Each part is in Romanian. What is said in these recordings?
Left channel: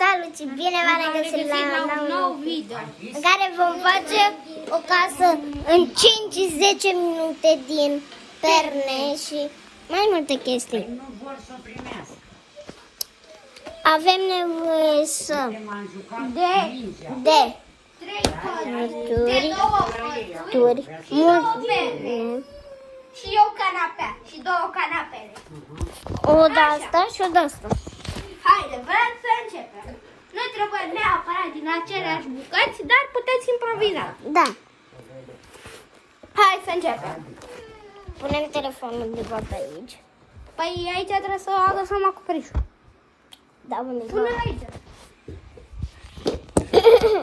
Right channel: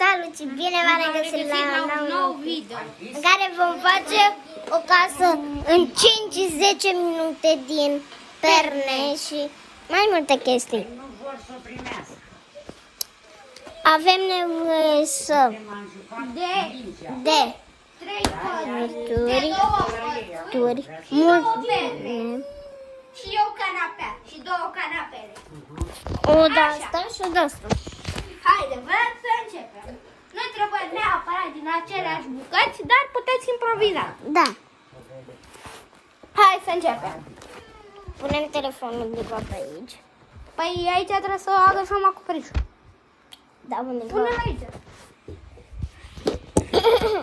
Salut și bine v-am regăsit la un nou video în care vom face o casă în 5-10 minute din perne și mai multe chestii. Avem nevoie de turi, și o canapea și două canapele. O de asta și o de asta. Haide, vrem să începem. Nu trebuie neapărat din aceleași bucăți, dar puteți improviza. Da. Hai să începem. Punem telefonul de fapt aici. Păi aici trebuie să agăsăm acoperișul. Da, unde Punem aici.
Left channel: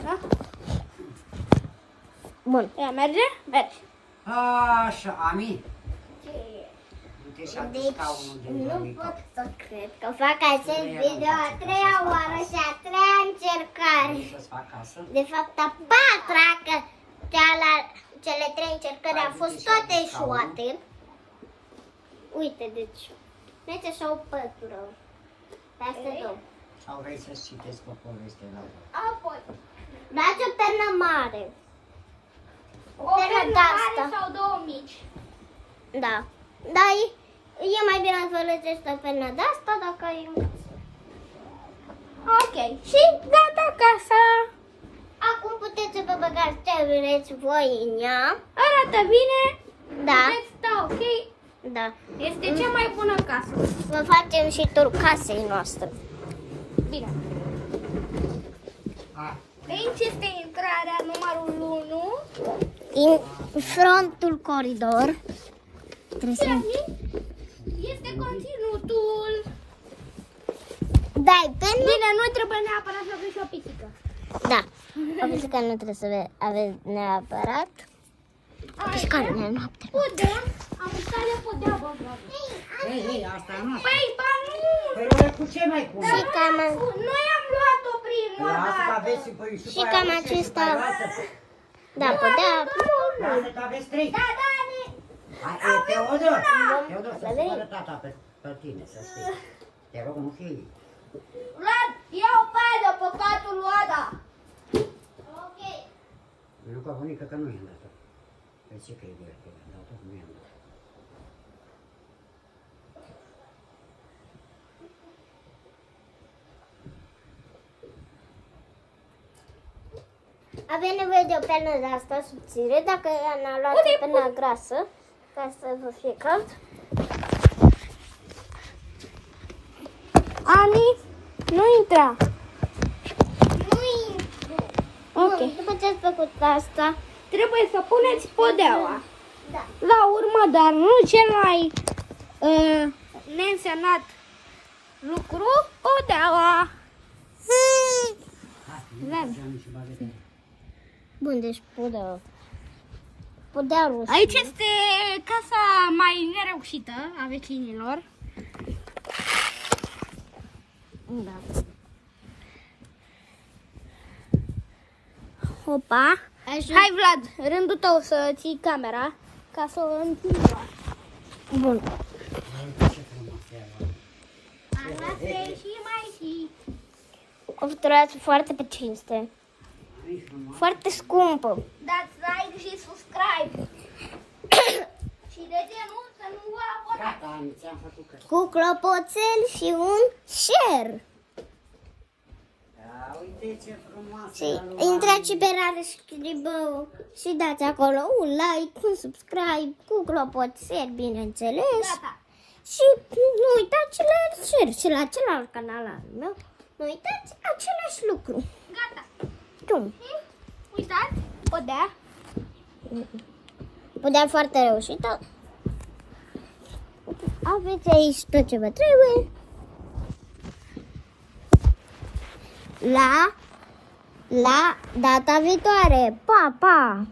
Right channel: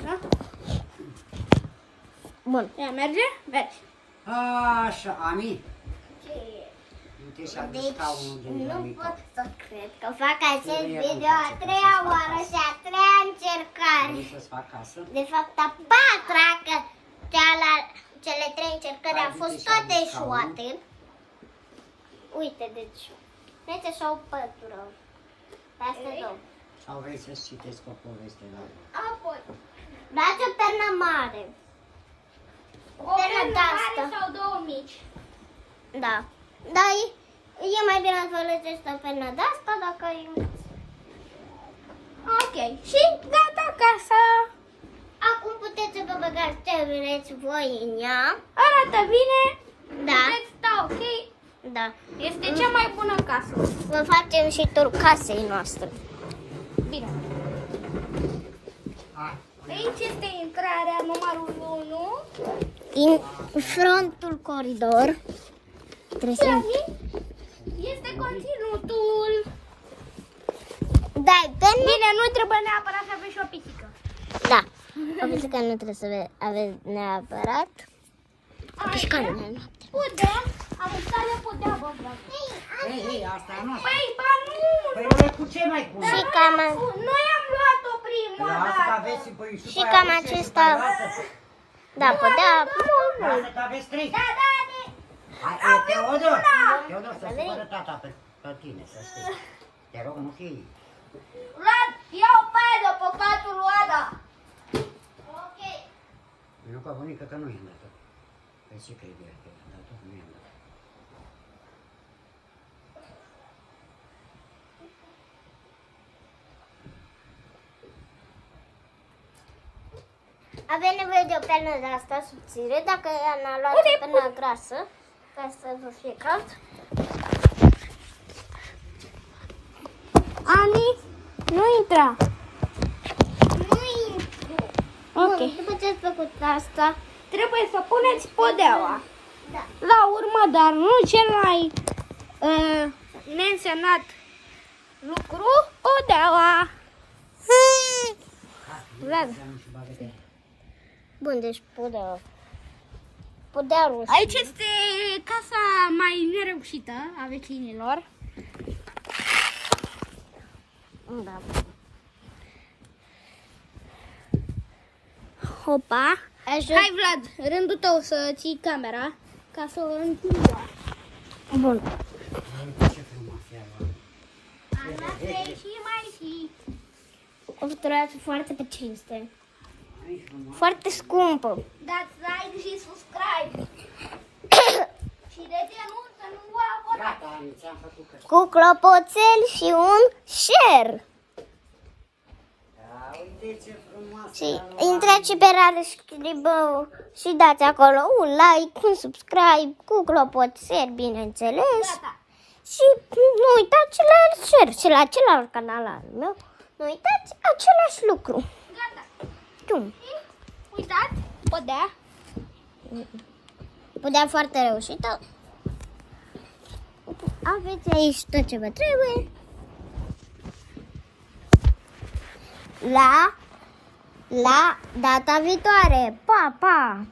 Da? Bun. Ea merge? Merge. Așa, amin. Deci, nu pot să cred că fac acest video a treia oară și a treia încercare. De fapt, a patra, că cele trei încercări au fost toate eșuate. Uite, deci, uite așa o pătură. Asta două. Sau vrei să citesc o poveste la Apoi. Dați o pernă mare. O pernă mare sau două mici. Da. Dar e mai bine să folosești o pernă de asta dacă e în casă. Ok. Și gata casa. Acum puteți să vă băgați ce vreți voi în ea. Arată bine. Da. Puteți sta ok. Da. Este cea mai bună casă. Vă facem și tur casei noastre. Bine. Aici este intrarea numărul 1. În frontul coridor. Trebuie să... Este conținutul. Dai perne? Bine, nu trebuie neapărat să aveți și o pisică. Da. O pisică nu trebuie să aveți neapărat. Și că nu e noapte. Podea. Am stat de podea. Ei, asta e noastră. Păi, ba nu. Păi, cu ce mai pun? Și cam, Noi am luat-o prima Asta dată. aveți și cam acesta. Da, podea. Lasă că aveți trei. Da, da, Teodor, Teodor, să se vadă tata pe tine, să știi. Te rog, nu fii. Vlad, ia-o pe aia de pe patul lui Ada. Ok. Nu că bunică că nu i-am dat-o. Păi ce crede că i-am dat-o? Nu i-am dat-o. Avem nevoie de o pernă de asta subțire, dacă n-a luat o pernă grasă, ca să vă fie cald. Ani, nu intra. Nu intră. Ok. După ce ați făcut asta, Trebuie să puneți podeaua. da. La urmă, dar nu cel mai neînsemnat lucru, podeaua. Vlad. Bun, deci podeaua. Aici este casa mai nereușită a vecinilor. Da. Hopa. Hai, Vlad, rândul tău să ții camera ca să o întindă. Bun. Ce frumos e ala. Arată și mai și. O viturație foarte pe cinste. Foarte scumpă. Dați like și subscribe. Și de ce nu? Să nu vă abonați. Gata, Ani, ți-am făcut că. Cu clopoțel și un share. Da, uite ce frumoasă. Și intrați și pe Rare Scribău și dați acolo un like, un subscribe, cu clopoțel, bineînțeles. Gata. Și nu uitați la share și la celălalt canal al meu. Nu uitați același lucru. Gata. Cum? Uitați, podea. Podea foarte reușită. Aveți aici tot ce vă trebuie. La data viitoare. Pa, pa!